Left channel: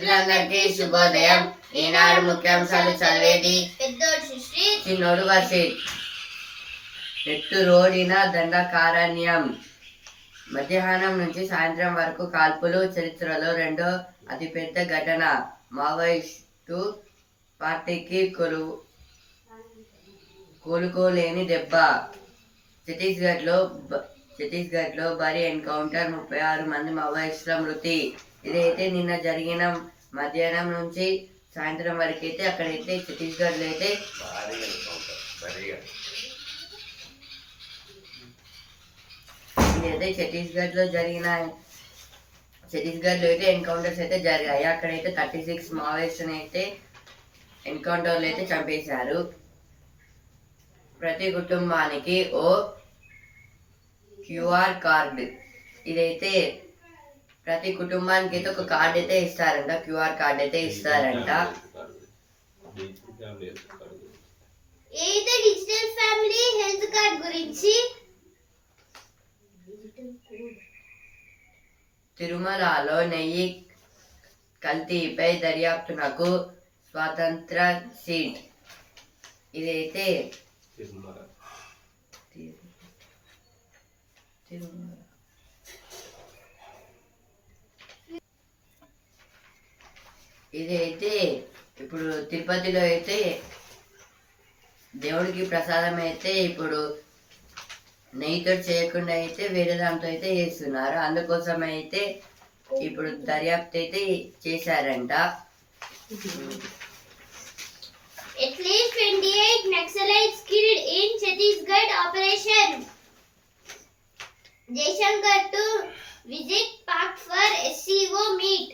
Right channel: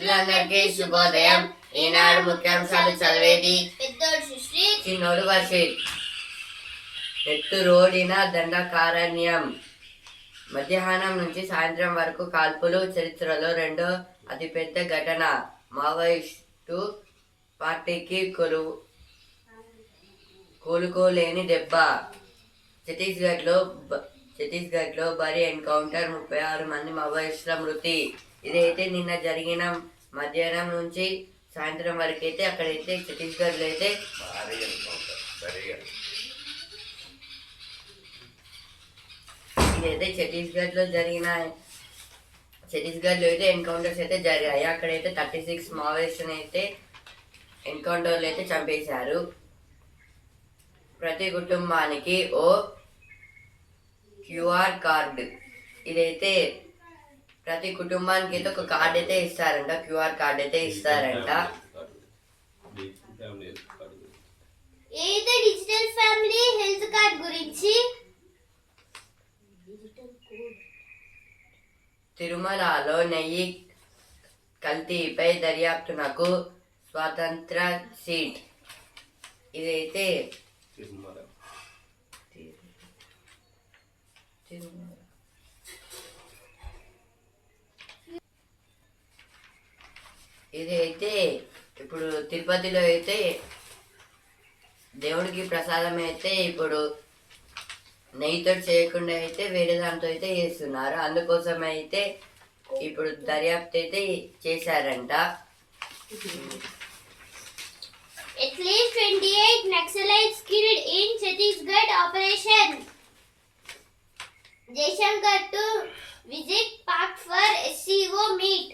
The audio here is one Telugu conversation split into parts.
మిత్రులందరికీ శుభోదయం. ఈనాడు ముఖ్యాంశాలు చదివేది పెద్దోడు సుశ్రీ, చిన్నోడు వర్షిత్. ఎత్తు రోడిన దండకారణ్యం. మధ్యాహ్నం నుంచి సాయంత్రం వరకు కాల్పులు చరిత్రలో రెండో అతిపెద్ద ఘటన. మావోయిస్టు పార్టీకి కోలుకోలేని దెబ్బ. ఛత్తీస్గఢ్లో భారీ ఎన్కౌంటర్, 36 మంది మావోయిస్టుల మృతి. ఇదైతే నిన్న జరిగిన మధ్యాహ్నం నుంచి సాయంత్రం వరకు అయితే అక్కడైతే ఛత్తీస్గఢ్లో అయితే ఇదైతే ఛత్తీస్గఢ్లో అయితే ఎన్కౌంటర్స్ అయితే జరిగాయి. అక్కడైతే 36 మావోయిస్టుని అయితే ఎన్కౌంటర్లు అయితే చంపేశారు. ప్రతి కుటుంబానికి ఓ క్యూఆర్ కార్డు. ఇదైతే ప్రతి కుటుంబానికి అయితే ఒక కార్డు అయితే ఇస్తారంట, క్యూఆర్ కార్డు అయితే ఇస్తారంట. ఏదైతే డిజిటల్ ఫ్యామిలీ హెల్త్ కార్డ్ గురించి. తిరుమలలో నెయ్యి కల్తీపై దర్యాప్తునకు స్వతంత్ర సిట్. ఇదైతే ఇదైతే ఇప్పుడు తిరుపతిలో అయితే దేవుడికి ప్రసాదం అయితే ఇప్పుడు నెయ్యితో చేయకుండా అయితే వేరే దాంతో అయితే చేస్తున్నారు. అందుకోసం అయితే ఇప్పుడు దర్యాప్తు అయితే చేశారంట. At least 28 Naxalites killed in Chhattisgarh operation. Jaishankar to visit Pak for SCO meet.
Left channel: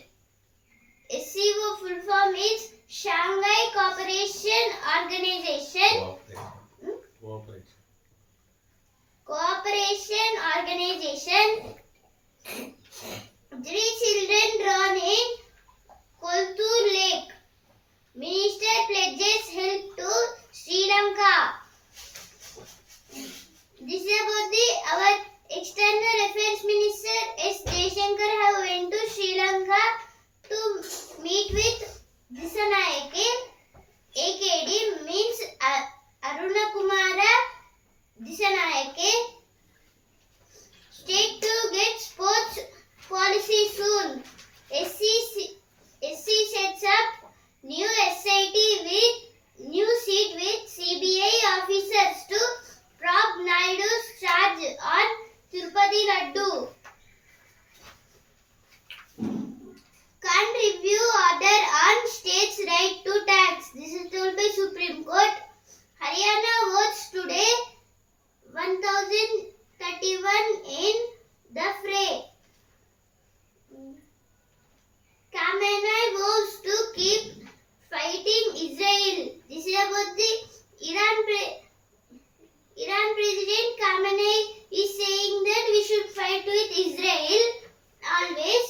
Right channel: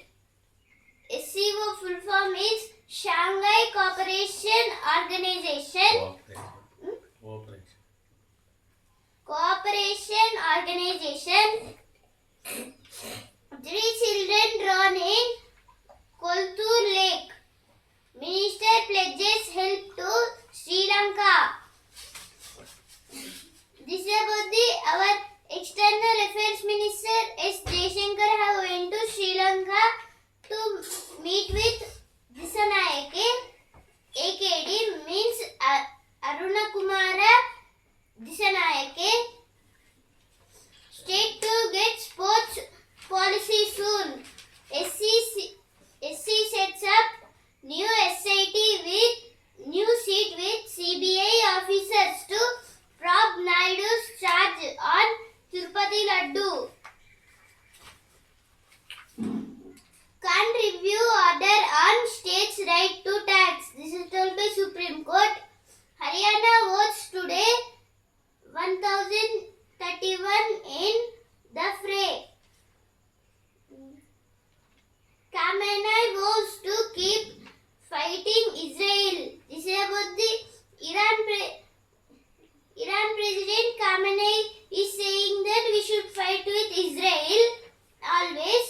SCO full form is Shanghai Cooperation Organization. Cooperation Organization. 3 children drowned in Koltur Lake. Minister pledges help to Sri Lanka. This is about our External Affairs Minister S. Jaishankar have went to Sri Lanka to meet with Disanayake. AKD means Aruna Kumara Disanayake. State to get sports policy soon. SC sets up new SIT with new seat with CBI officers to probe Naidu's charge on Tirupati Laddu. Can't review order on states' right to tax. This is told by Supreme Court. Haryana votes today 1031 in the fray. Khamenei vows to keep fighting Israel. This is about the Iran President Khamenei is saying that we should fight with Israel always.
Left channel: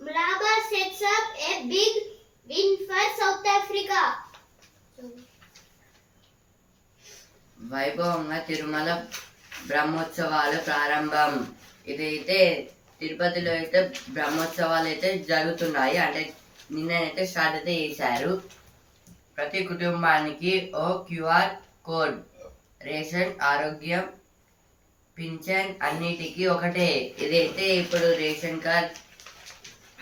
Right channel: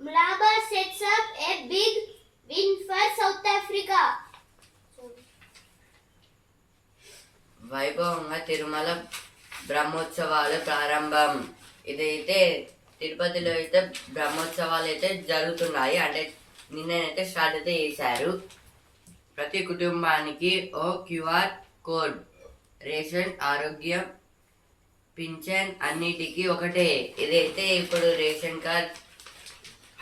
Mlaba sets up a big win for South Africa. వైభవంగా తిరుమల బ్రహ్మోత్సవాలు ప్రారంభం. ఇదైతే తిరుపతిలో అయితే బ్రహ్మోత్సవాలు అయితే జరుగుతున్నాయి. అంటే నిన్నైతే స్టార్ట్ అయితే చేశారు. ప్రతి కుటుంబానికి ఓ క్యూఆర్ కోడ్. రేషన్, ఆరోగ్యం, పింఛన్ అన్నిటికీ ఒకటే. ఇదైతే ఇప్పుడు రేషన్ కార్డ్,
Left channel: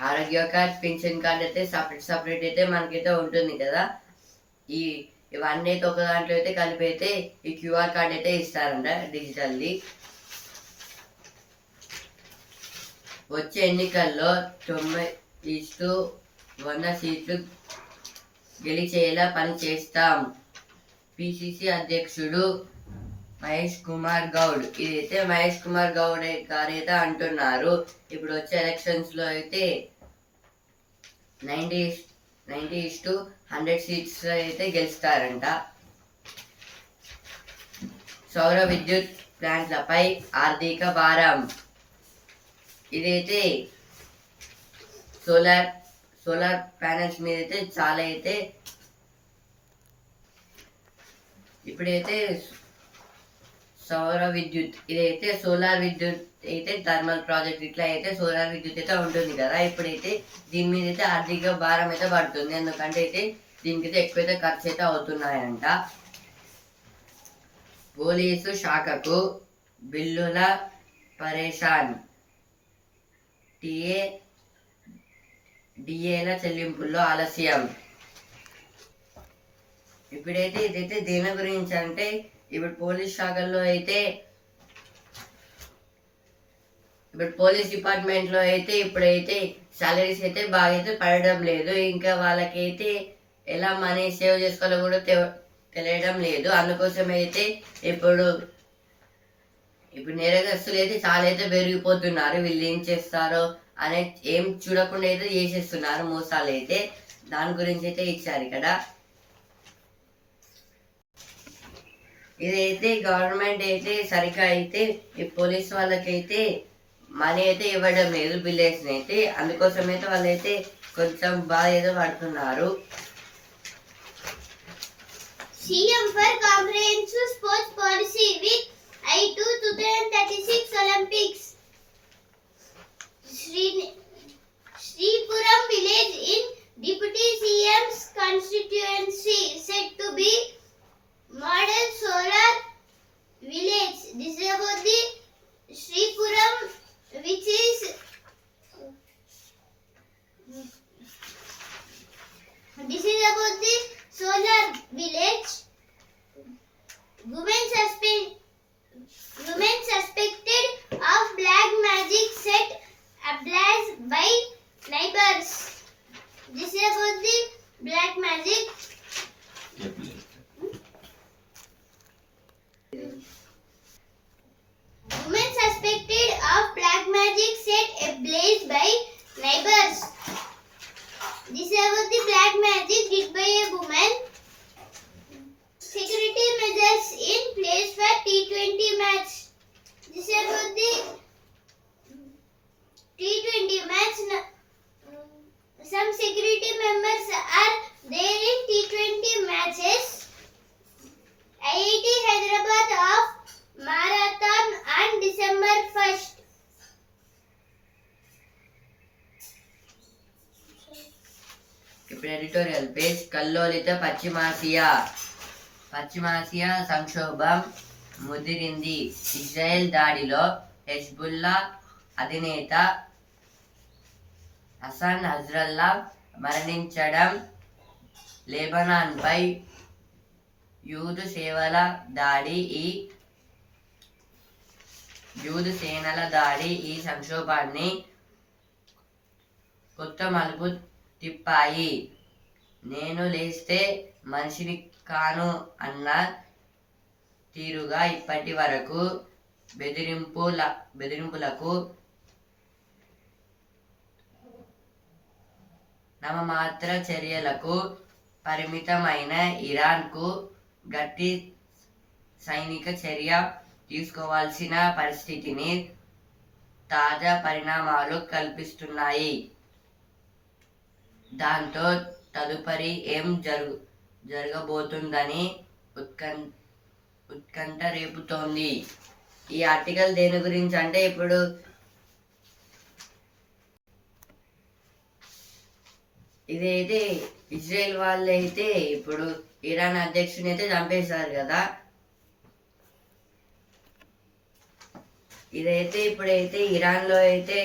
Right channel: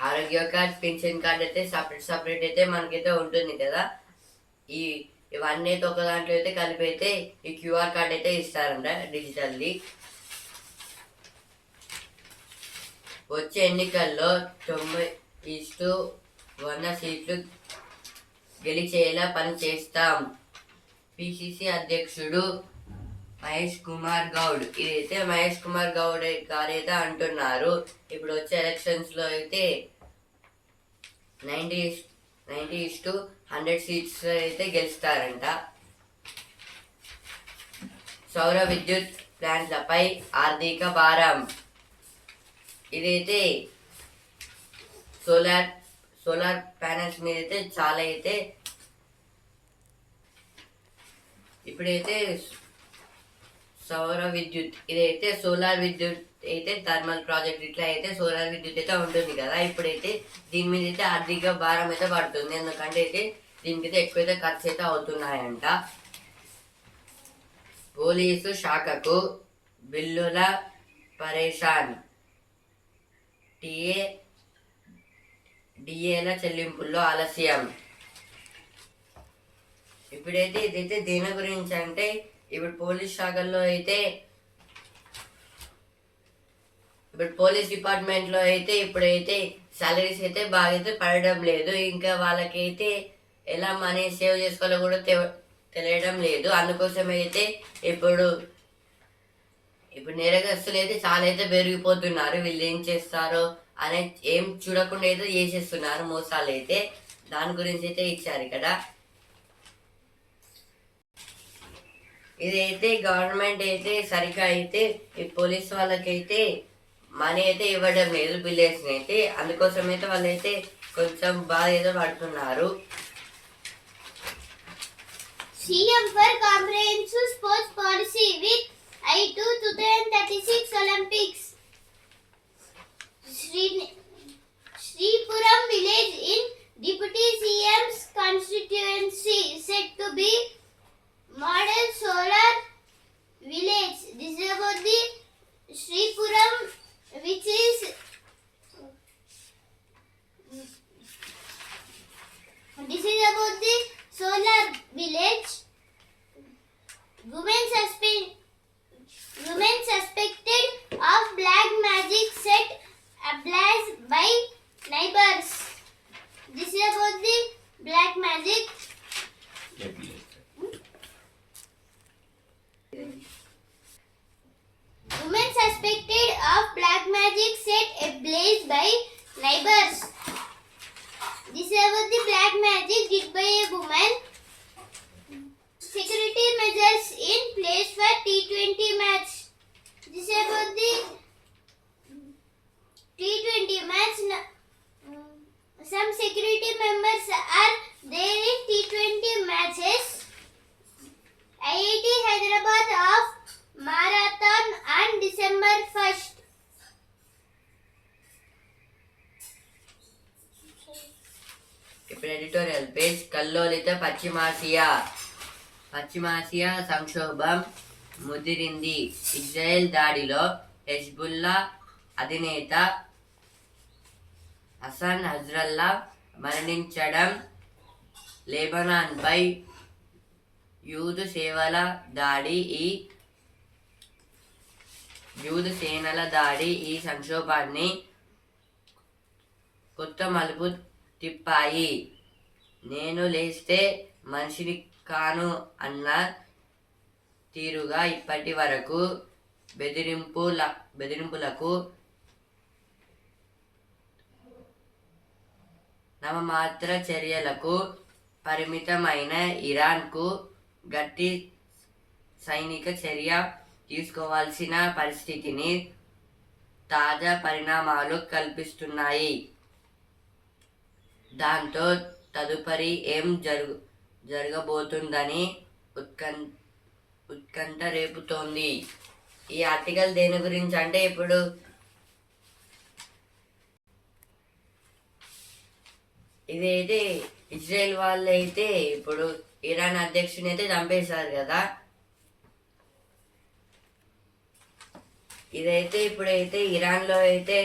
ఆరోగ్య కార్డ్, పింఛన్ కార్డ్ అయితే సపరేట్ అయితే మనకైతే ఉంటుంది కదా. ఇవన్నీ అయితే ఒక దాంట్లో అయితే కలిపి అయితే ఈ క్యూఆర్ కార్డ్ అయితే ఇస్తారంట డిజిటల్ది. వచ్చే ఎన్నికల్లో 90:100 సీట్లు గెలిచేలా పనిచేస్తాం. పిసిసి అధ్యక్షుడు మహేష్ కుమార్ గౌడ్. ఇదైతే మహేష్ కుమార్ గౌడ్ గారైతే అంటున్నారు. ఇప్పుడు వచ్చే ఎలక్షన్స్లో అయితే 90:100 సీట్స్ అయితే గెలుస్తారంట. సౌర విద్యుత్ ప్లాంట్లపై ఆర్థిక భారం. ఇదైతే సోలార్ ప్యానల్స్ మీద అయితే చాలా అయితే ఇప్పుడైతే సౌర విద్యుత్, ఇదైతే సోలార్ విద్యుత్ అయితే థర్మల్ ప్రాజెక్ట్ ఇట్లా అయితే సోలార్ విద్యుత్ అయితే ఉంటుంది కదా, ఇప్పుడైతే దీని మీద అయితే ఆర్థిక భారం అయితే పడుతుంది. ఎందుకంటే అయితే దీనికి అయితే ఎక్కువైతే ఖర్చు అయితే అవుతున్నాయంట. పోలీసు శాఖకు బిల్లుల పరేషాన్, డిఏల చెల్లింపుల్లో ఆలస్యం. ఇప్పుడైతే ఇదైతే దేని గురించి అంటే, ఇప్పుడు పోలీస్ శాఖల్లో అయితే ఇప్పుడు పోలీస్ డిపార్ట్మెంట్లో అయితే ఇప్పుడైతే సాలరీస్ అయితే బాగా అయితే పడడం లేదు. ఇంకా వాళ్ళకైతే ఎలా మనీ సేవ్ చేసుకోవాలో కూడా తెలియడం లేదు. అందుకోసం అయితే ఇప్పుడు నేరగస్తులు అయితే చాలా అయితే పెరిగిపోతున్నారు. వీళ్ళు ఏం చేస్తారో అనే ఏం చూడకుండా అయితే చేసేస్తున్నారు మోసాలు అయితే. దాని గురించి అయితే ఇచ్చారు ఇక్కడ. ఇదైతే గవర్నమెంట్ అయితే సరిగ్గా అయితే ఈ పోలీస్ వాళ్ళకైతే మనీ అయితే ఇవ్వడం లేదు బిల్లేషన్ అయితే. అందుకోసం అయితే వాళ్ళైతే కొంచెం బాధ అయితే పడుతున్నారు. CM for comprehensive sports policy with eye to 2036 Olympics. Sripuram village in Deputy CM's constituency said to be model solar village. This is about the Sripuram, which is about the solar village. Women suspected of black magic set ablaze by neighbors. This is about the black magic. Women suspected of black magic set ablaze by neighbors. This is about the black magic did by a woman. Security measures in place for T20 match. This is about the T20 match. Some security members are there in T20 matches. IIT Hyderabad of marathon on December 1st. ఇప్పుడు ఎడిటోరియల్ పేజ్. కల్లోలిత పశ్చిమాసియా సంక్షోభం ముదిరింది. ఇజ్రాయెల్ దాడిలో హెజ్బుల్లా అధినేత హసన్ నస్రల్లా మరణించడం, లెబనాన్పై యూదు సేనల దాడి ఈ సంక్షోభాన్ని కొత్త మలుపు తిప్పాయి. నేను లేస్తే మనిషిని కాను అన్న తీరుగా ఇప్పటి వరకు బెదిరింపులకు నామమాత్ర చర్యలకు పరిమితమైన ఇరాన్కు గట్టి సైనిక చర్య తీసుకోవాల్సిన పరిస్థితిని తాజా పరిణామాలు కల్పిస్తున్నాయి. దాంతో తదుపరి ఏం జరగబోతుందని ఉత్కంఠ రేపుతోంది. ఈ ఆర్టికల్ దేని గురించి అంటే, ఇప్పుడు ఇదైతే ఇజ్రాయెల్ వాళ్ళు అయితే ఇప్పుడు ఇరాన్ అధ్యక్షుని అయితే చంపేశారు కదా. ఇదైతే ఇప్పుడైతే ఇరాన్లో అయితే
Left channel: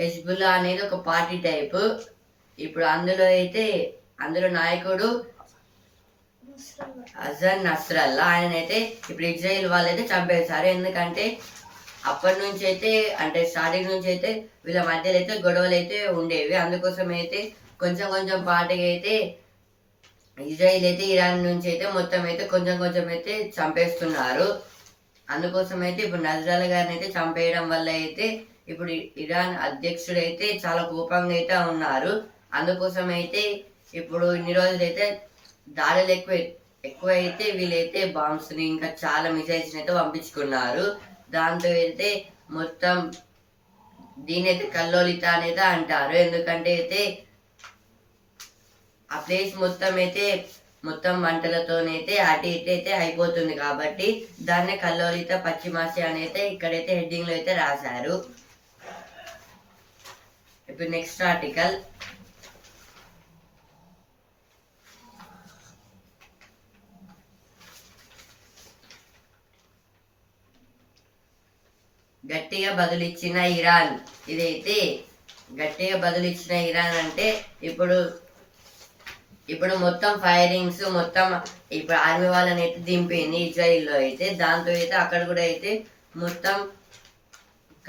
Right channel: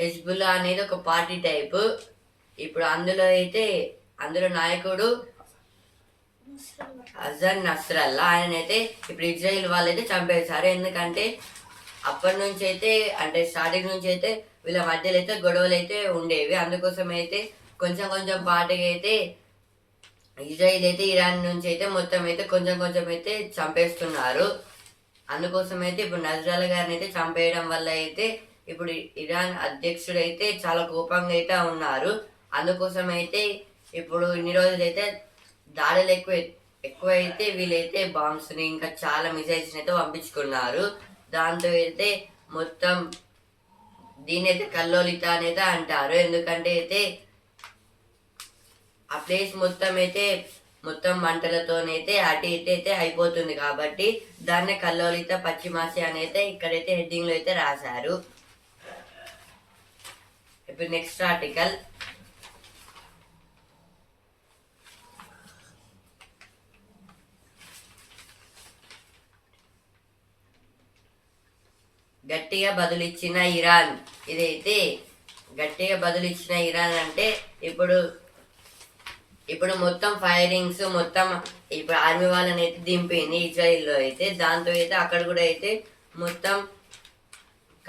హెజ్బుల్లా అనేది ఒక పార్టీ టైపు. ఇప్పుడు అందులో నాయకుడు హసన్ నస్రల్లా, ఆయన అయితే ఇప్పుడు ఇజ్రాయెల్ వాళ్ళు అయితే చంపేశారు. ఎందుకంటే అప్పటి నుంచి అయితే అంటే స్టార్టింగ్ నుంచి అయితే వీళ్ళ మధ్యలో అయితే గొడవలు అయితే ఉండేవి. అందుకోసం అయితే కొంచెం పార్టీగా అయితే ఇజ్రాయెల్ అయితే ఇరాన్ నుంచి అయితే మొత్తం అయితే కొంచెం అయితే చంపేస్తున్నారు. అందుకోసం అయితే ఇప్పుడు నజ్రాల గారిని అయితే చంపేయడం వల్ల అయితే ఇప్పుడు ఇరాన్ అధ్యక్షుడు అయితే చాలా కోపంగా అయితే ఉన్నారు. అందుకోసం అయితే ఇప్పుడు ఇన్ని రోజులు అయితే దాడులు ఎక్కువ అయితే వీళ్ళైతే బాంబ్స్ని ఇంకా చాలా మిసైల్స్ని అయితే పంపించుకున్నారు. దాంతో అయితే మొత్తం దీని అయితే కల్లోలిత అనేది అంటారు. ఎందుకంటే అయితే ఆ ప్లేస్ మొత్తం అయితే మొత్తం మంటలతోనైతే అటు ఇటు అయితే అయిపోతుంది కాబట్టి దాన్నే కల్లోలిత పశ్చిమాసి అని అయితే ఇక్కడైతే హెడ్డింగ్లో అయితే రాశారు. ఇప్పుడు నెక్స్ట్ ఆర్టికల్. గట్టిగా బదులిచ్చిన ఇరాన్. ఇదైతే గట్టిగా బదులిచ్చిన ఇరాన్ అంటే ఇప్పుడు మొత్తం ఫైరింగ్స్ మొత్తం ఇప్పుడు ఆర్మీ వాళ్ళని అయితే దింపింది ఇజ్రాయిల్లో అయితే. దాంతో అయితే అక్కడ కూడా అయితే మొత్తం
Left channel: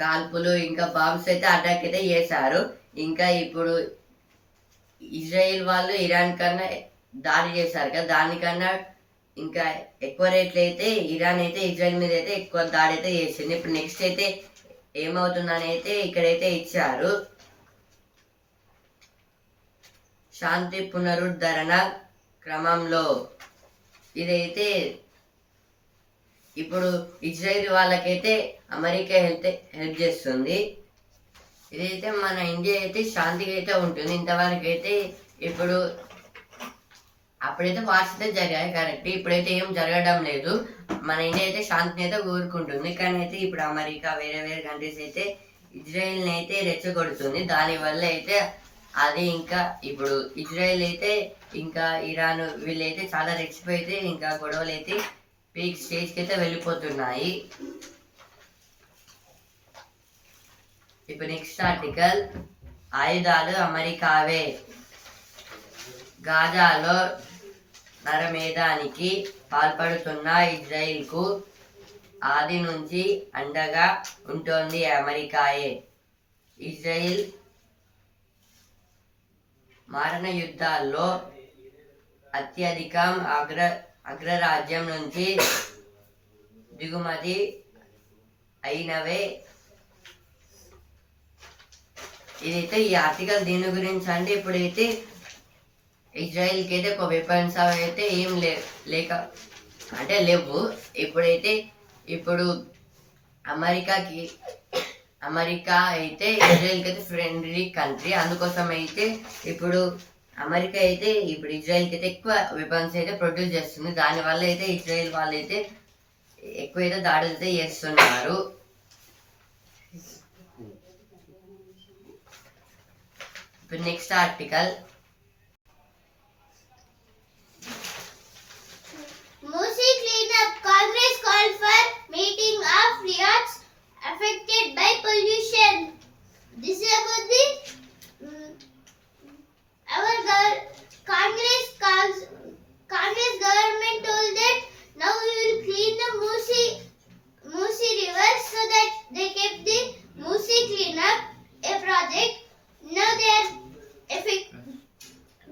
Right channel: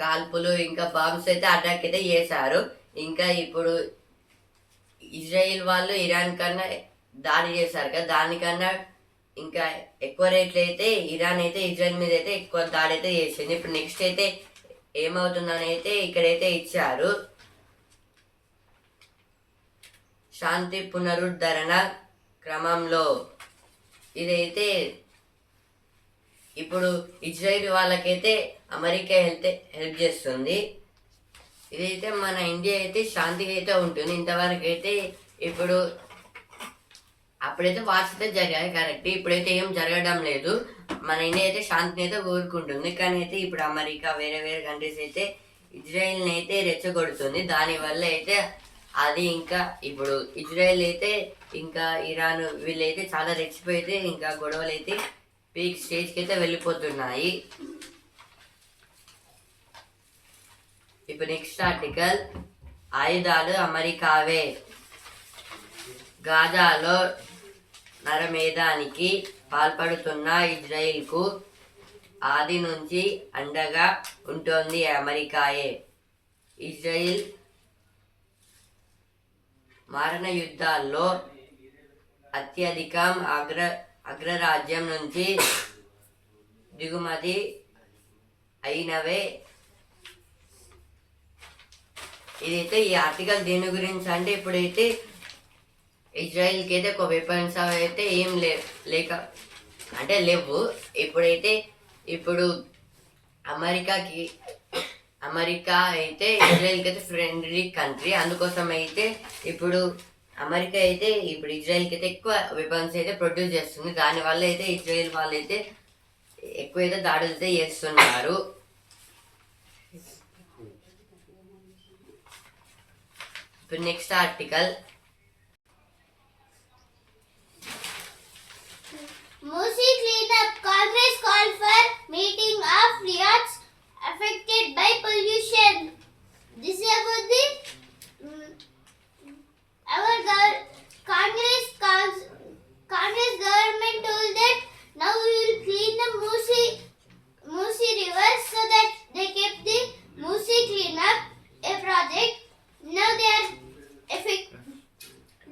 కాల్పులు ఇంకా బాంబ్స్ అయితే అటాక్ అయితే చేశారు. ఇంకా ఇప్పుడు ఇజ్రాయిల్ వాళ్ళు ఇరాన్ కన్నా దాడి చేశారు కదా, దానికన్నా ఇంకా ఎక్కువ రేట్లు అయితే ఇరాన్ అయితే ఇజ్రాయిల్ మీద అయితే ఎక్కువ దాడి అయితే చేసింది. ఇప్పుడు నెక్స్ట్ అయితే ఏమవుతుందని అయితే ఇక్కడైతే ఇచ్చారు. శాంతి పునరుద్ధరణ క్రమంలో ఇదైతే ఇప్పుడు ఇజ్రాయిల్ వాళ్ళకైతే అమెరికా హెల్ప్ చేస్తుంది. ఇదైతే మన ఇండియా అయితే శాంతిగా అయితే ఉంటుంది. ఇంతవరకు అయితే ఇప్పుడు అప్పుడైతే వార్స్ అయితే జరిగాయి కరెక్ట్, ఇప్పుడైతే ఏం జరగడం లేదు. మన ఇండియా అయితే శాంతిని అయితే కోరుకుంటుంది. కానీ అయితే ఇప్పుడు అమెరికా వేరే వేరే కంట్రీస్ అయితే ఇజ్రాయిల్ని అయితే రెచ్చగొడుతుంది. దానివల్ల అయితే అది ఇంకా ఇప్పుడు ఇజ్రాయిల్ అయితే ఇంకా ఇరాన్ వీళ్ళైతే చాలా రెచ్చిపోయితే ఇంకా గొడవలు అయితే పీక్ స్టేజ్కి అయితే వెళ్ళిపోతున్నాయి. ఇప్పుడు నెక్స్ట్ ఆర్టికల్. ఆయుధాలు అమెరికావే. గాజాలో నరమేధానికి పాల్పడుతున్న ఇజ్రాయిల్కు ఆది నుంచి అండగా ఉంటుంది అమెరికాయే. ఇజ్రాయిల్ మారణ యుద్ధాల్లో అత్యధికం అగ్రరాజ్యం నుంచి దిగుమతి అయినవే. ఇదైతే ఈ ఆర్టికల్ దేని గురించి అంటే ఇప్పుడైతే ఇజ్రాయిల్కి అయితే ఒక వెపన్స్ అయితే ఏం లేవు. ఇప్పుడైతే ఇప్పుడు అమెరికా అయితే ఇజ్రాయిల్కి అయితే ఫ్రెండ్లీ కంట్రీ. అందుకోసం అయితే ఇప్పుడు అమెరికా అయితే ఇప్పుడు ఇజ్రాయిల్కి అయితే ఎక్కువ వెపన్స్ అయితే ప్రొడ్యూస్ చేస్తుంది. దానివల్ల అయితే ఇజ్రాయిల్ వాళ్ళు అయితే ఎక్కువైతే దాడులు అయితే చేస్తున్నారు. ఇప్పుడు next article. Musi cleanup. Congress called for meeting of riots affected by pollution. This is about the Congress government told that now we will clean the Musi river, so that they kept the Musi cleanup a project. Now they are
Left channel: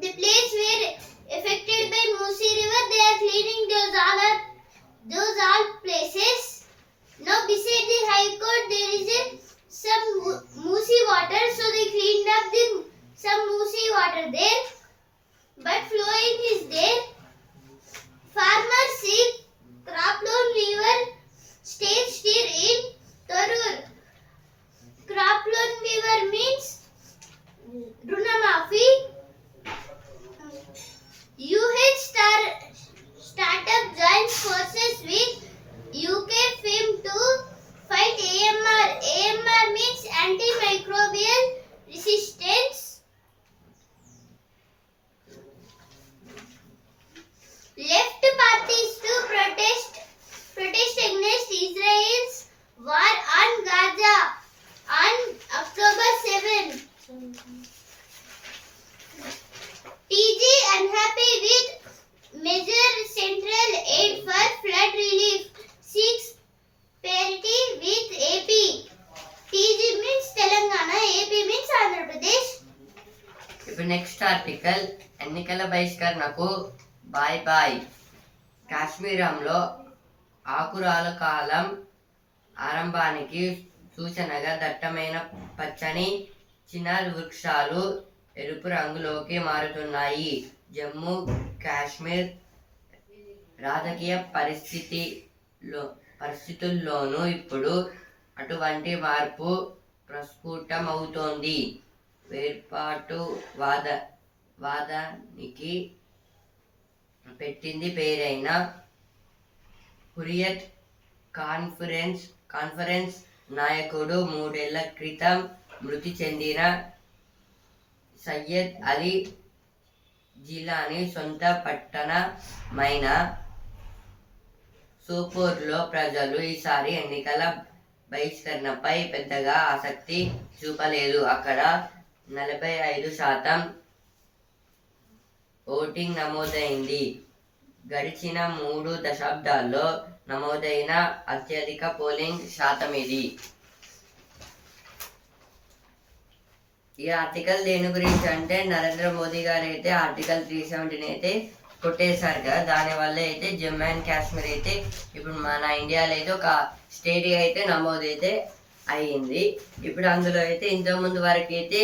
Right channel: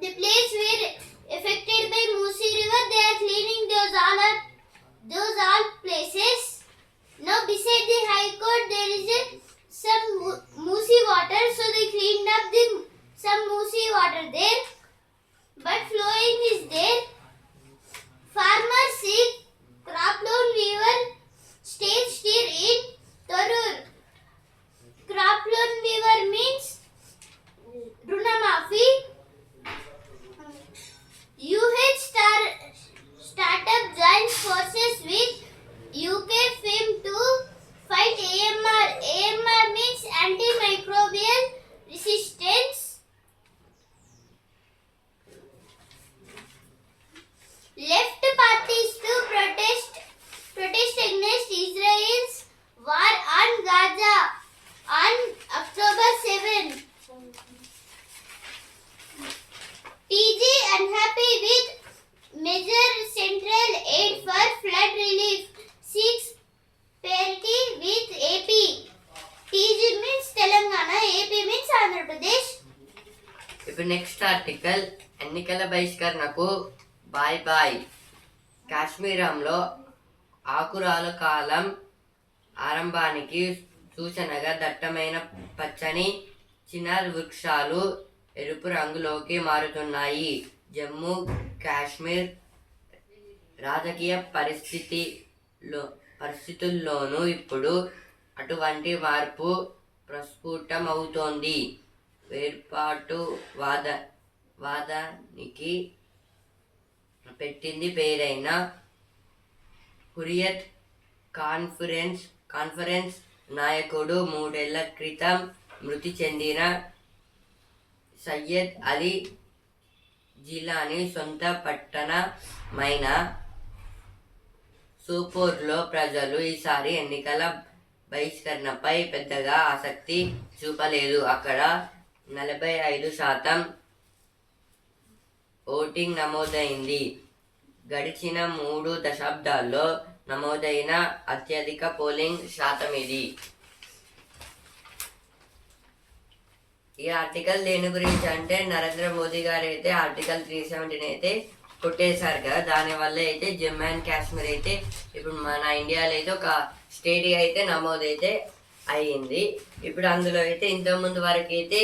the place where affected by Musi river, they are cleaning those all places. Now beside the high court there is some Musi water, so they cleaned up some Musi water there, but flowing is there. Farmers seek crop loan river stays still in Torur. Crop loan river means Runamafi. Startup joins forces with UK firm to fight AMR. AMR means antimicrobial resistance. Left parties to protest against Israel's war on Gaza on October 7. TG unhappy with major central aid for flood relief, seeks parity with AP. TG means Telangana, AP means Andhra Pradesh. ఇప్పుడు నెక్స్ట్ ఆర్టికల్. ఎన్నికల బహిష్కరణకు బాయ్ బాయ్. కాశ్మీరంలో ఆకురాల కాలం ఆరంభానికి సూచనగా దట్టమైన పచ్చని చినార్ వృక్షాలు ఎరుపు రంగులోకి మారుతున్నాయి. జమ్మూ కాశ్మీర్ రాజకీయ పరిస్థితుల్లోనూ ఇప్పుడు అటువంటి మార్పు ప్రస్ఫుటమవుతోంది. వాదానికి పెట్టింది పేరైన హురియత్ కాన్ఫరెన్స్ నాయకుడు 3 ఏళ్ల క్రితం మృతి చెందిన సయ్యద్ అలీ జిలానీ సొంత పట్టణమైన సోపోర్లో ప్రజలు ఈసారి ఎన్నికల బహిష్కరణపై పెద్దగా ఆసక్తి చూపలేదు. అక్కడ 45% ఓటింగ్ నమోదైంది. గడిచిన 3 దశాబ్దాల్లో నమోదైన అత్యధిక పోలింగ్ శాతం ఇది. ఈ ఆర్టికల్ దేని గురించి అంటే నరేంద్ర మోదీ గారు అయితే ఆర్టికల్ 370 అయితే కొట్టేశారు కదా, దానివల్ల అయితే జమ్మూ అండ్ కాశ్మీర్ అయితే ఇప్పుడు మన ఇండియాలో అయితే ఒక స్టేట్ అయితే నమోదైతే అయ్యింది. ఇప్పుడు అందులో అయితే ఇంతకుముందు వరకు అయితే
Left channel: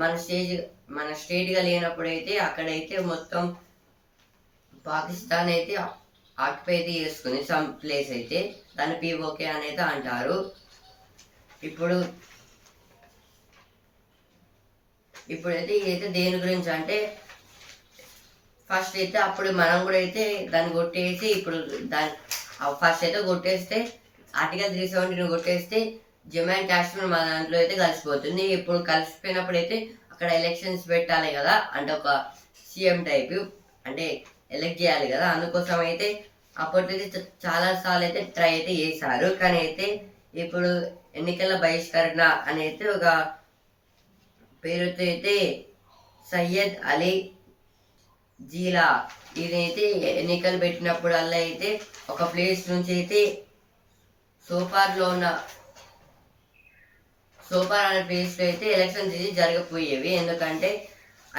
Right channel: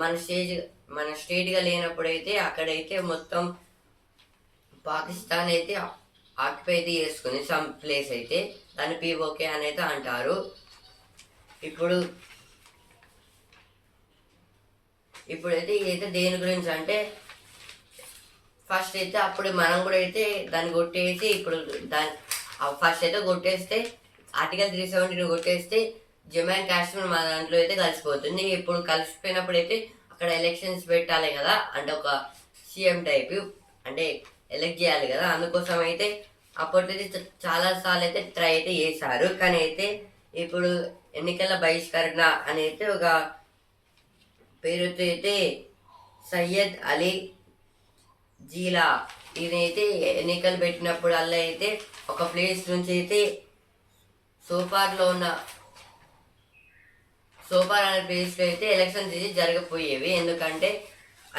మన స్టేట్గా లేనప్పుడు అయితే అక్కడైతే మొత్తం పాకిస్తాన్ అయితే ఆక్యుపై అయితే చేసుకుంది సమ్ ప్లేస్ అయితే, దాన్ని పీఓకే అని అయితే అంటారు. ఇప్పుడైతే ఇదైతే దేని గురించి అంటే ఫస్ట్ అయితే అప్పుడు మనం కూడా అయితే దాన్ని కొట్టేసి ఇప్పుడు ఫస్ట్ అయితే కొట్టేస్తే ఆర్టికల్ 370 కొట్టేస్తే జమ్మూ అండ్ కాశ్మీర్ మన దాంట్లో అయితే కలిసిపోతుంది. ఇప్పుడు కలిసిపోయినప్పుడు అయితే అక్కడ ఎలక్షన్స్ పెట్టాలి కదా, అంటే ఒక సీఎం టైప్ అంటే ఎలక్ట్ చేయాలి కదా, అందుకోసం అయితే అప్పటికైతే చాలా సార్లు అయితే ట్రై అయితే చేశారు. కానీ అయితే ఇప్పుడు ఎన్నికల బహిష్కరణ అని అయితే ఒక పేరుతో అయితే సయ్యద్ అలీ జీలా ఇదైతే ఎన్నికలు పెట్టినప్పుడల్లా అయితే ఒక ప్లేస్ నుంచి అయితే సోపార్ అనే ప్లేస్లో అయితే ఎలక్షన్స్ అయితే జరగపోయేవి. ఎందుకంటే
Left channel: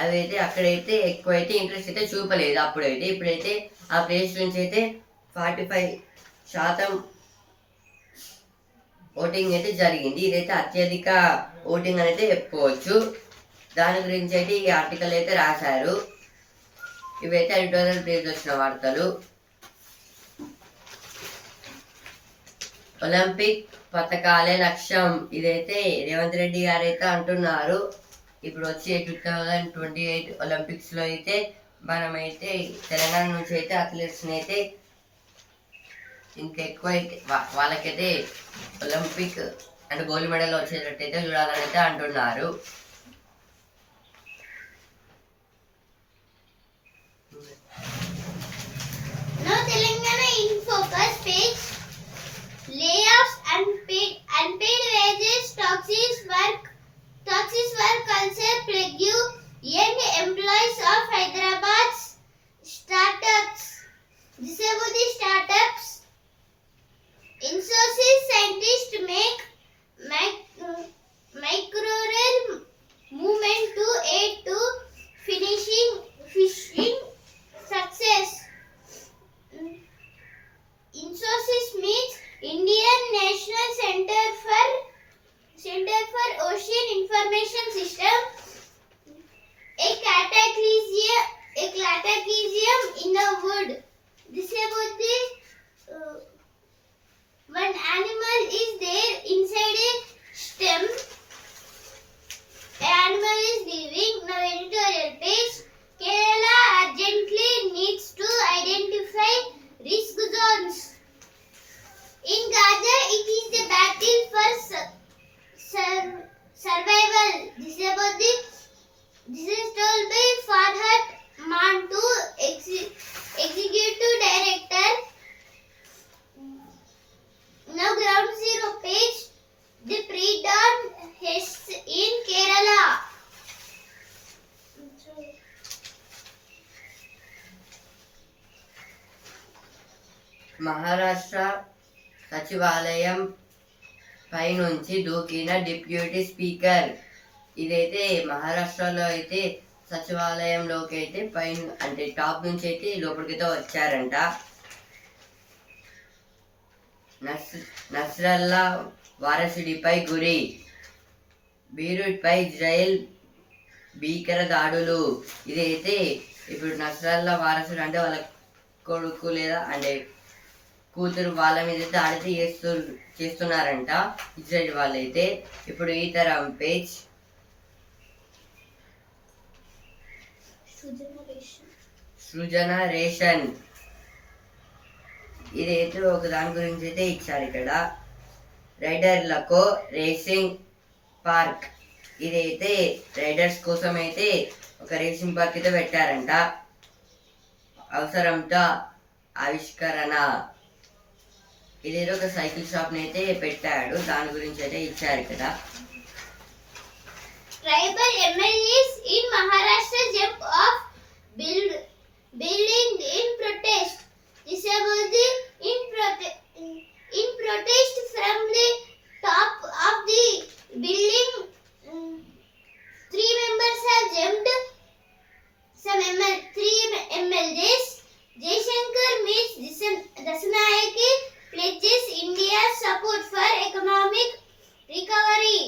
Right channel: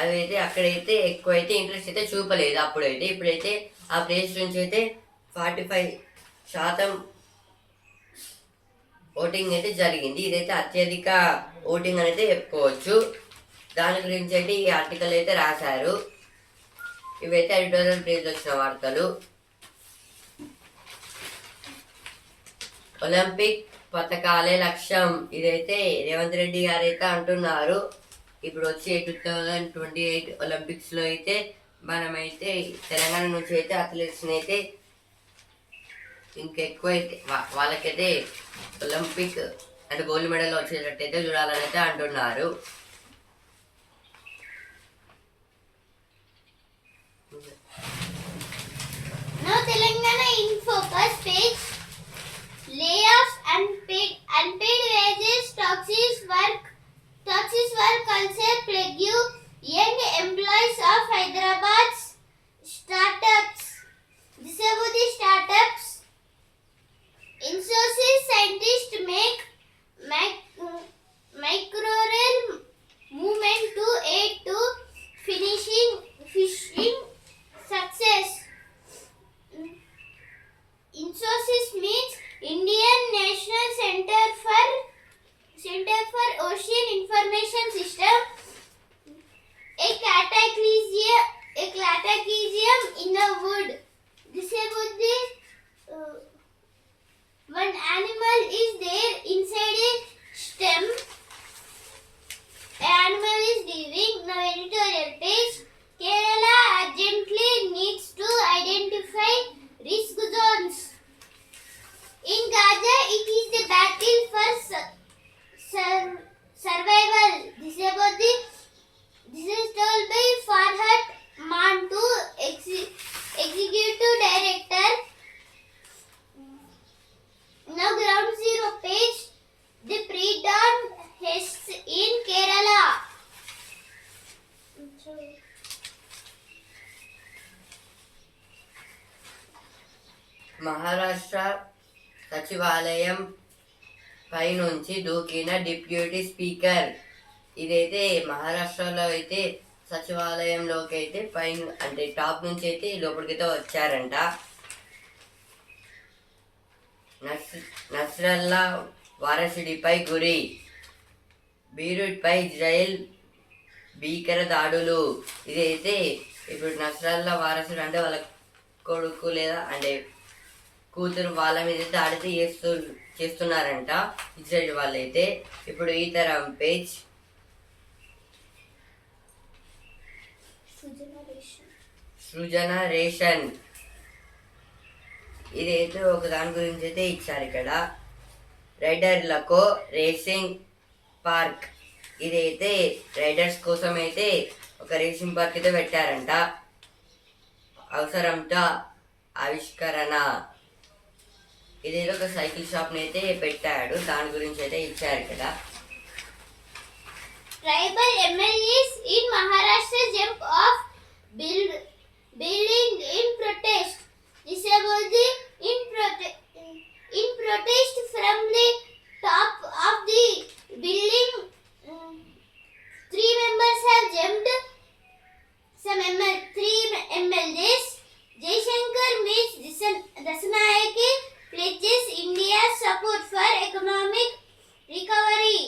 అదైతే అక్కడైతే ఎక్కువైతే ఇంట్రెస్ట్ అయితే చూపలేదు అప్పుడైతే. ఇప్పుడైతే ఆ ప్లేస్ నుంచి అయితే 45% ఓటింగ్ అయితే జరిగింది. ఇదైతే అత్యధిక ఓటింగ్ అనేది చెప్పుకోవచ్చు. దాని గురించి అయితే ఈ ఆర్టికల్ అయితే రాశారు. ఇవైతే ఎడిటోరియల్ పేజ్ వచ్చిన వార్తలు. ఒలింపిక్ పథకాలే లక్ష్యం ఇదైతే రేవంత్ రెడ్డి గారు అయితే అంటున్నారు. ఇప్పుడు వచ్చే 2028 ఒలింపిక్స్లో అయితే మనమైతే తెలంగాణ నుంచి అయితే అథ్లెట్స్ని అయితే ఇంకెక్కువ అయితే వాళ్ళకైతే ఒలింపిక్ అంటే గోల్డ్ మెడల్ వచ్చేటట్టు అయితే చూడాలని అయితే అంటున్నారు. Now Telangana in focus page. Layoffs, unpaid wages, toxic work culture plague young employees of Hyderabad's startups. This is about the startups. Infosys scientists make microreal movement to aid to finishing success. Infosys means Indian National Center for Ocean Information System, a cataclysm in the wood. This is about the one animal is there inside a stem. An animal is living. Now editorial page. Kerala urgently needs to identify risk zones. In Gaza, it is the battle for survival. This is told by Farhat Mantu, Executive Director. Now ground zero page. The pre-dawn has in Kerala. Maharashtra సచివాలయం పై నుంచి దూకిన డిప్యూటీ స్పీకర్. ఇదైతే మహారాష్ట్రలో అయితే సచివాలయంలోకి అయితే పైన అంటే టాప్ నుంచి అయితే లోపలికైతే వచ్చారంట. నస్రల్లా వారసుడిపై గురి. బీరూట్పై ఇజ్రాయెల్ భీకర దాడులు. ఇదైతే ఇప్పుడు నస్రల్లా వారసుడు అంటే వాళ్ళ కొడుకు లేదా అంటే కూతురు వాళ్ళ మీద దాడి చేస్తున్నారంట ఇజ్రాయెల్ వాళ్ళైతే. ఇప్పుడు ఈ తరం పేజ్. సృజన రేషన్ ఇదైతే ఒక దాని గురించి అయితే ఇచ్చారు ఇక్కడ. రైడర్లకు రేసింగ్ పార్క్ ఇదైతే రైడర్స్ కోసం అయితే ఒక రేసింగ్ పార్క్ అయితే పెట్టారంట. అవసరంతో ఆవిష్కరణ ఇదేదో ఒక సైకిల్ షాప్ని అయితే పెట్టాడు, దాని గురించి అయితే ఇచ్చారు కదా. Tribal MLAs in Maharashtra jump off building in protest. This about the in protest from the top of the building. Three members have jumped. Three MLAs. Jaishankar meets Dasanayake pledges India's support for economic recovery.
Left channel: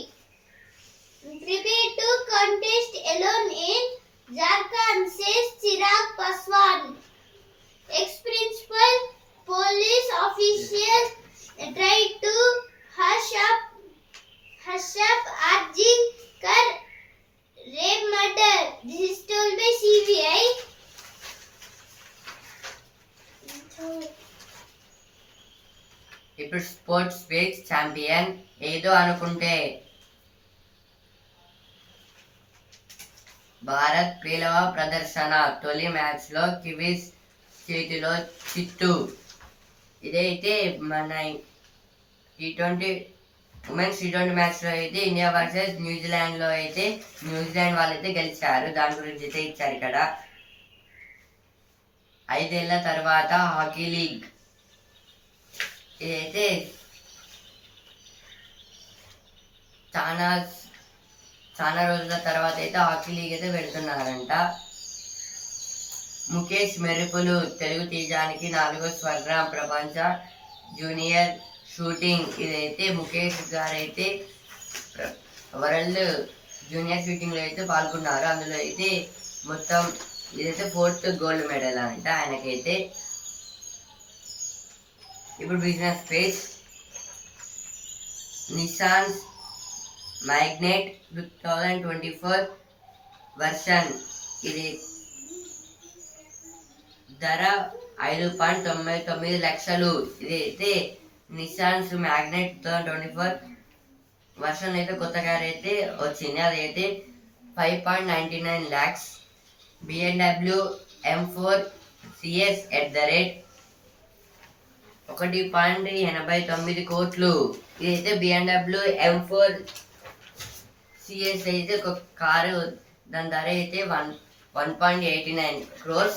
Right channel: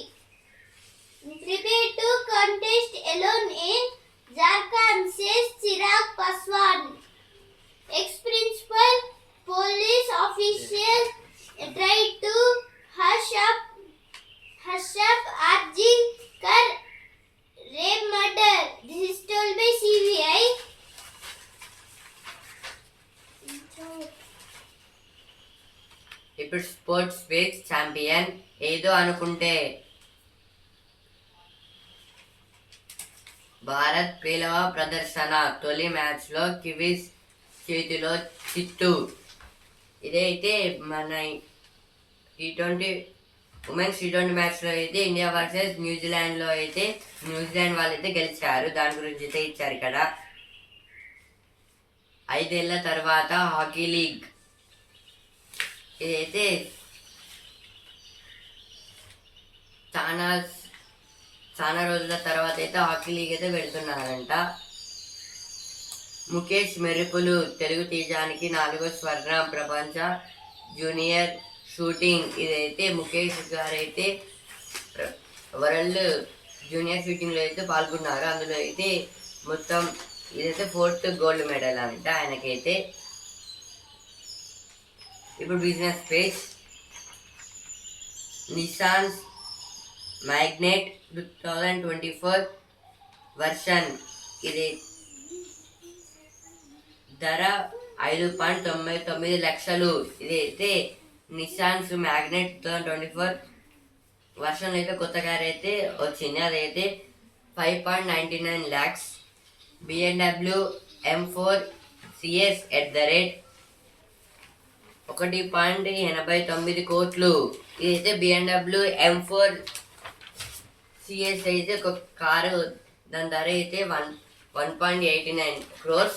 Prepared to contest alone in Jharkhand, says Chirag Paswan. Ex-principal police official tried to hush up RG Kar rape murder. This is told by CBI. ఇప్పుడు స్పోర్ట్స్ స్పీచ్ ఛాంపియన్ ఏదో అనుకుంటే భారత్ పేలవ ప్రదర్శన, తొలి మ్యాచ్లో కివీస్ చేతిలో చిత్తు. ఇదైతే మన T20 ఉమెన్స్ T20 మ్యాచ్లో అయితే ఇండియా వర్సెస్ న్యూజిలాండ్లో అయితే న్యూజిలాండ్ వాళ్ళైతే గెలిచారు, దాని గురించి అయితే ఇచ్చారు ఇక్కడ. 5 ఏళ్ల తర్వాత హాకీ లీగ్ ఇదైతే చాలా రోజుల తర్వాత అయితే హాకీ లీగ్ అయితే పెడుతున్నారంట. ముఖేష్ మెరుపులు, తెలుగు తేజానికి 4వ స్వర్ణం ప్రపంచ జూనియర్ షూటింగ్. ఇదైతే ముఖేష్ గారు అయితే వరల్డ్ జూనియర్ షూటింగ్లో అయితే పాల్గొన్నారు, అందులో అయితే మొత్తం ఇదైతే 4th గోల్డ్ మెడల్ అంట ఆయనకైతే. ఇప్పుడు business page Nissan Magnet 2024 version ఇది ధర 5.99 లక్షలు. ఇదైతే నిసాన్స్ మ్యాగ్నెట్ 2024 వర్షన్ అయితే కొత్త కార్ అయితే వచ్చింది, అదైతే 5.99 lakhs. BMW M4 CS $1.89 కోట్లు. ఇదైతే BMW M4 CS అయితే ఒక కారు, దాని ధర అయితే 1.89 crores.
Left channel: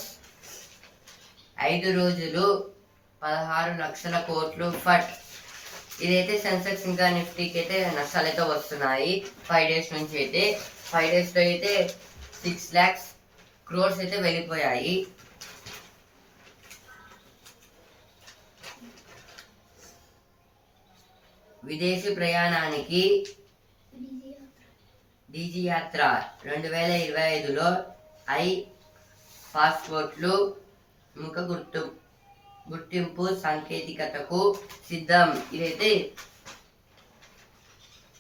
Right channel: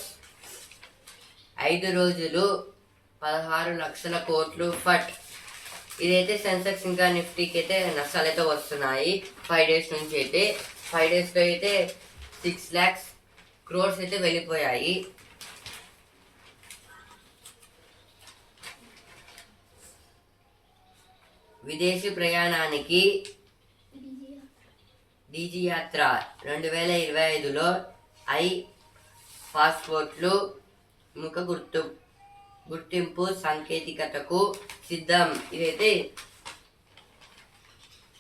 5 రోజులు 16 లక్షల కోట్లు ఫట్. ఇదైతే సెన్సెక్స్ ఇంకా నిఫ్టీకి అయితే నష్టాలు అయితే వస్తున్నాయి 5 days నుంచి. అయితే 5 daysలో అయితే 6 lakhs crores అయితే వెళ్ళిపోయాయి. విదేశీ ప్రయాణానికి డీజీ యాత్ర 2025లో పాస్పోర్ట్లు ముఖ గుర్తింపు సాంకేతికతకు సిద్ధం. ఇదైతే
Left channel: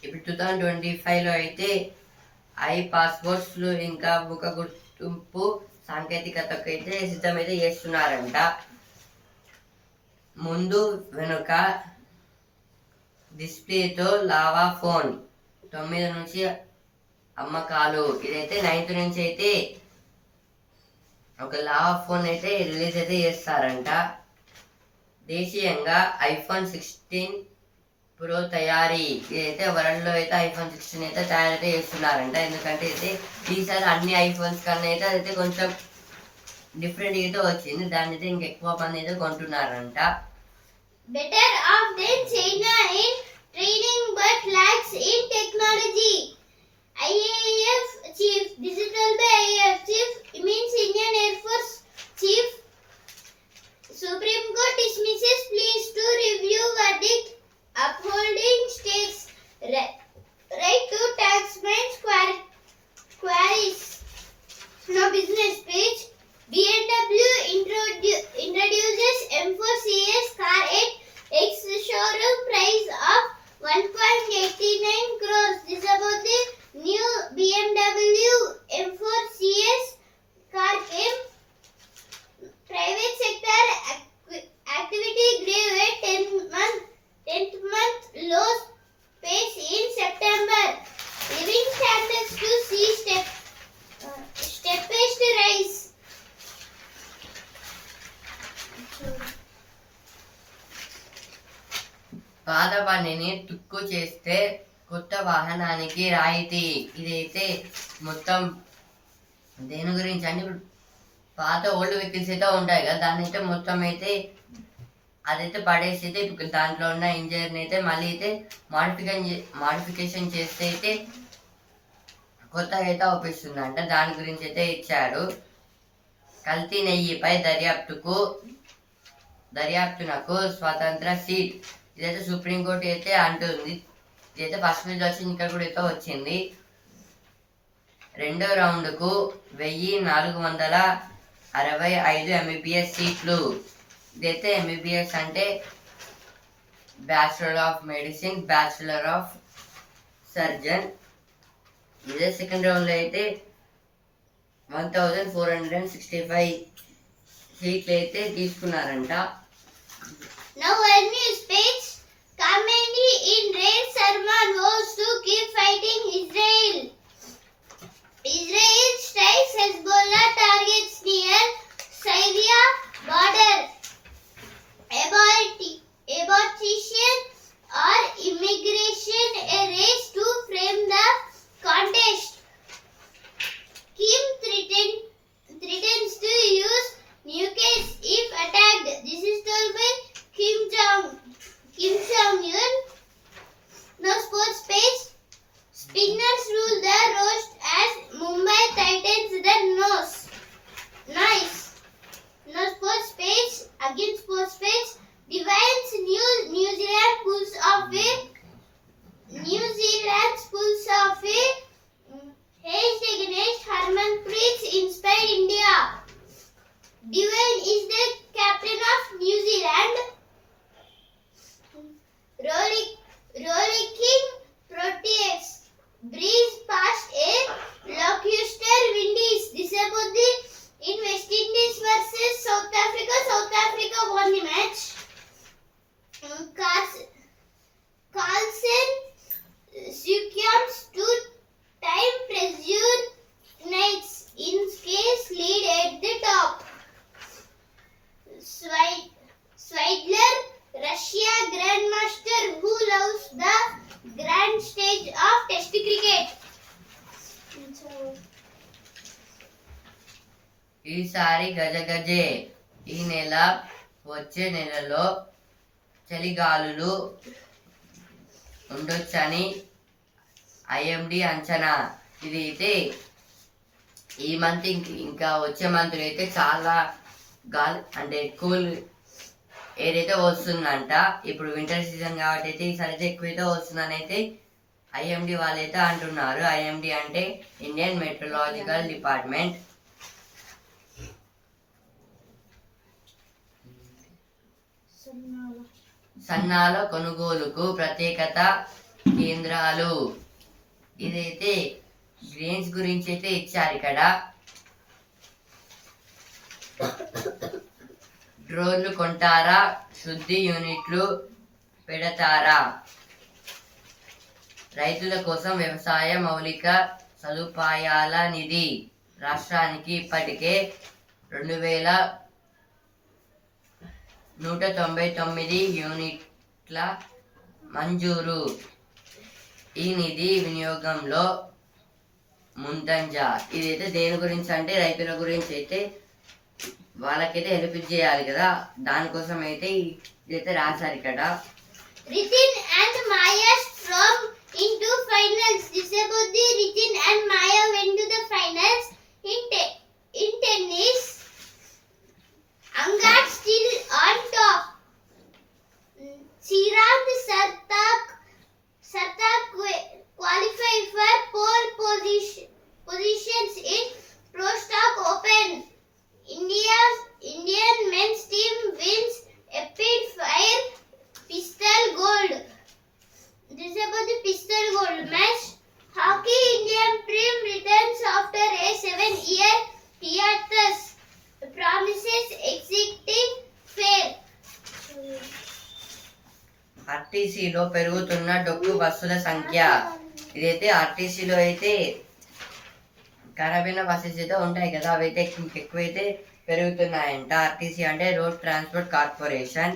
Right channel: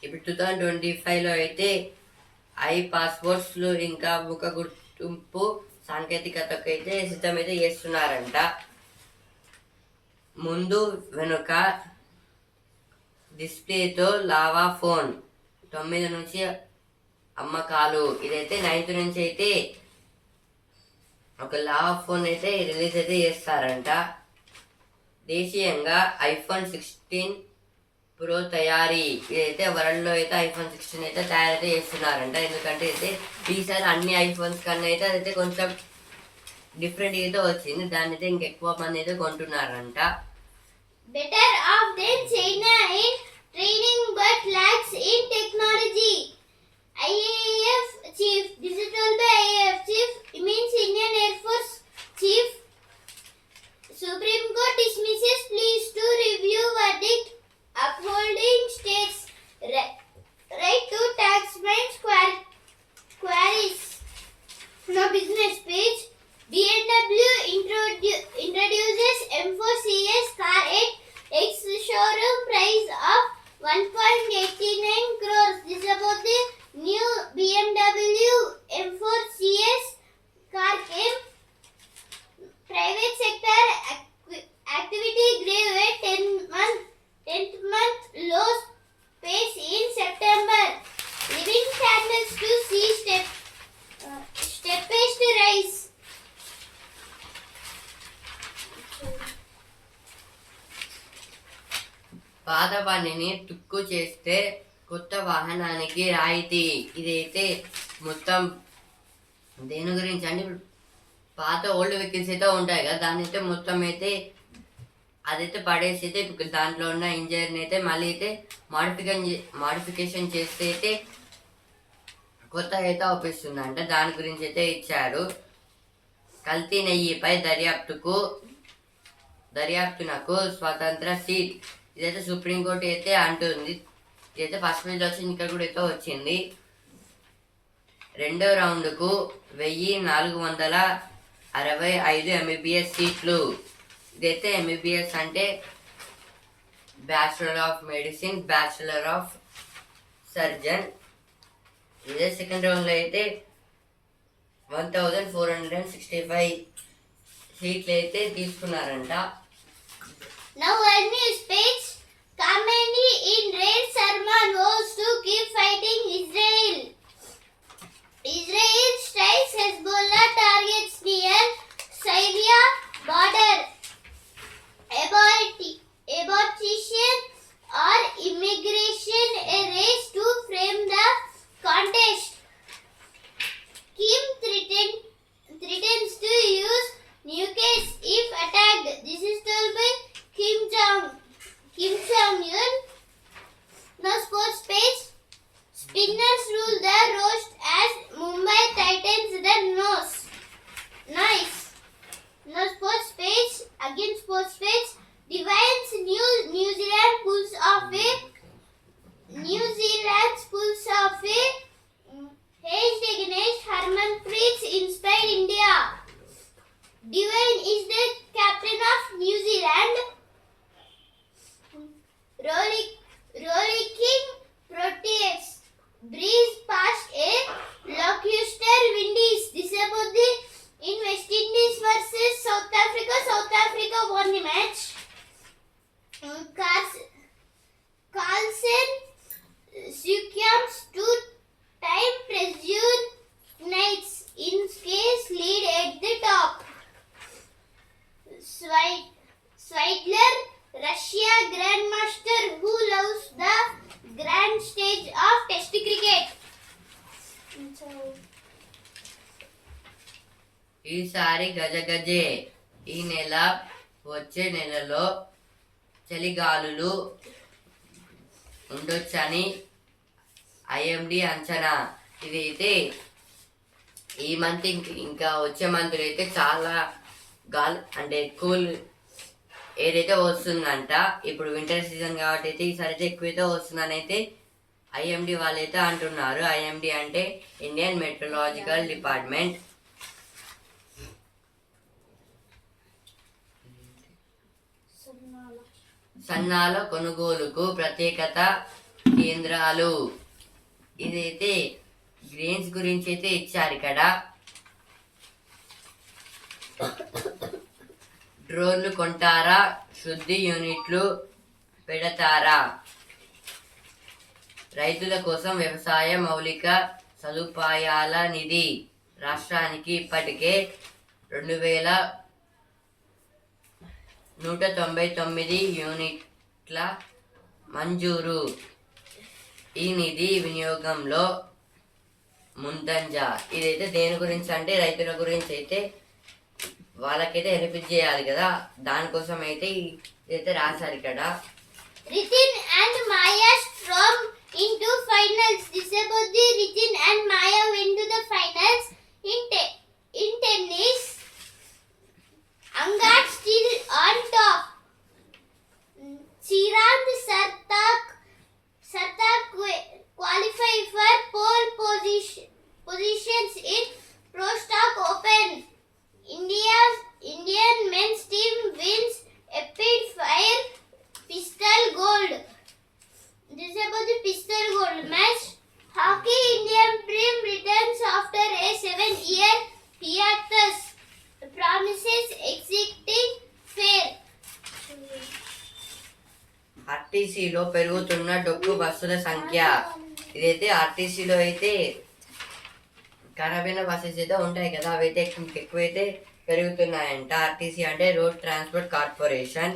ఇప్పుడు 2025లో అయితే పాస్పోర్ట్స్లు ఇంకా ముఖ గుర్తింపు సాంకేతికతకు అయితే సిద్ధమైతే చేస్తున్నారంట. ముందు వెనుక డిస్ప్లేతో లావా ఫోన్ 9 నుంచి అమ్మకాలు. ఇదైతే 9th నుంచి అయితే ఒక లావా ఫోన్ అయితే రిలీజ్ అయితే చేస్తారంట. దేశీయంగా iPhone 16 Pro తయారీ. ఇదైతే వరల్డ్లో అయితే iPhone 16 అయితే తయారైతే చేస్తున్నారంట, ఎందుకంటే అయితే ఈసారి అన్ని ఐఫోన్స్ కన్నా అయితే అదైతే కొంచెం డిఫరెంట్ అయితే వచ్చింది, దాన్ని అయితే ఇంకెక్కువ మంది అయితే కొంటున్నారంట. Better off than China in training but lacks in technology. IAF chief, digital by IAF chief means Indian Air Force chief. Supreme Court dismisses pleas to review verdict upholding states right to taxman's queries. Now business page. BMW introduces M4 CS car at ex-showroom price of 1.89 crores. This is about the new BMW M4 CS car came పనిని తుక్కు చేస్తే కొత్త వాహనానికి రాయితీ. ఇదైతే మొత్తం దేని గురించి అంటే ఇప్పుడు పాత ఓల్డ్ వెహికల్స్ అయితే ఉంటాయి కదా, దాన్ని అయితే మొత్తం అయితే అదైతే పడేసి అయితే ఇప్పుడు దాంట్లో ఉన్న ఇంజన్ అయితే మళ్ళీ అయితే మాడిఫికేషన్ చేస్తే అయితే కొత్త అయితే అవుపిస్తుందంట. దాని గురించి అయితే ఇచ్చారు. కల్తీ నెయ్యిపై దర్యాప్తునకు స్వతంత్ర సీట్. ఇదైతే సుప్రీంకోర్టు అయితే అంటుంది. ఇదైతే ఫస్ట్ పేజ్ వచ్చింది, ఇక్కడ కూడా అయితే వచ్చింది. రెండో రౌండ్కు 1465 ఎంబీబీఎస్ సీట్లు. ఇదైతే ఎంబీబీఎస్ అంటే bachelor of medicine, bachelor of surgeon. ఇదే సెకండ్ రౌండ్లో అయితే 1465 సీట్లు అయితే తీసుకున్నారంట. Now our news page. Khamenei in Raid Salman vows to keep fighting Israel. Israel strikes Hezbollah targets near Syria border. Abortion or immigration, a race to frame the contest. Kim threatens to use nuclear if attacked. This is told by Kim Jong-un. Now sports page. Spinners rule the roast as Mumbai Titans the nose. Nice. Now sports page. Again sports page. Divines New Zealand pulls off a Hedged against Harmanpreet inspired India. Divine is the captain of New Zealand. Rollicking Proteus breeze past a lackluster Windies. This is about the in West Indies versus South Africa. South Africa won the match. Carlsen succumbs to time pressure. Knights in case lead at the top. Sweidler, Russia grandmaster who loves the grand stage of Test cricket. ఈసారి గజగజే. ఈ నెల వచ్చే నెలలో చలిగాలులు ఉండొచ్చని ఐఎండి అంచనా. ఇదైతే ఈ మంత్ ఇంకా వచ్చే మంత్ అయితే చాలా గాలి అంటే కూల్ ఎయిర్ అయితే వస్తుందంట. ఇప్పుడు వింటర్ సీజన్ కాబట్టి అయితే ఈసారి అయితే ఎక్కువైతే వస్తుందని అయితే ఐఎండి వాళ్ళైతే అంటున్నారు. ఐఎండి అంటే ఇండియన్ మెట్రలాజికల్ డిపార్ట్మెంట్. సన్నాల కొనుగోలుకు ప్రత్యేకత కేంద్రాలు. ఇదైతే గ్రెయిన్స్ గురించి అయితే ఇచ్చారు ఇక్కడ. డ్రోన్లు కొంటారా, శుద్ధి యూనిట్లు పెడతారా? రైతుల కోసం వ్యవసాయ మౌలిక సదుపాయాల నిధి రాష్ట్రానికి ఇప్పటికే 2199 యూనిట్ల మంజూరు. ఈ నిధి వినియోగంలో ముందంజ. ఇదైతే దేని గురించి అంటే రైతుల గురించి అయితే వాళ్ళకైతే హెల్ప్ చేయాలి కదా, దానికోసం అయితే ఇదైతే రాశారు ఇక్కడ. Ritin and Maya storm into finals. This is about the Ritin and Maya went to the finals in tennis. Angat still on top. Chirag Sartak qualified for pole positions in Pro Stock Open. Indian men's team wins Epic Fire Pistol Gold. This is about the Pistol Gold match. Hockey Indian Prim returns after a 7-year hiatus. Promises exiting fair. ఆర్టీసీలో పెరుగుతున్న డొక్కు బస్సుల సంఖ్య. ఇదైతే ఆర్టీసీలో అయితే ఖరాబ్ అయిన బస్సెస్ అయితే ఉంటాయి కదా, అవి అయితే ఎక్కువైతే పెరుగుతున్నాయంట. ఆర్టీసీ అంటే రోడ్ ట్రాన్స్పోర్ట్ కార్పొరేషన్.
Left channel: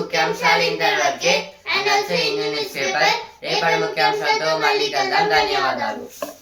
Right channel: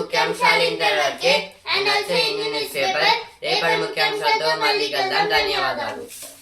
ముఖ్యాంశాలు ఇంతవరకే. And also in news paper. రేపటి ముఖ్యాంశాలతో మళ్ళీ కలుద్దాం. ధన్యవాదాలు.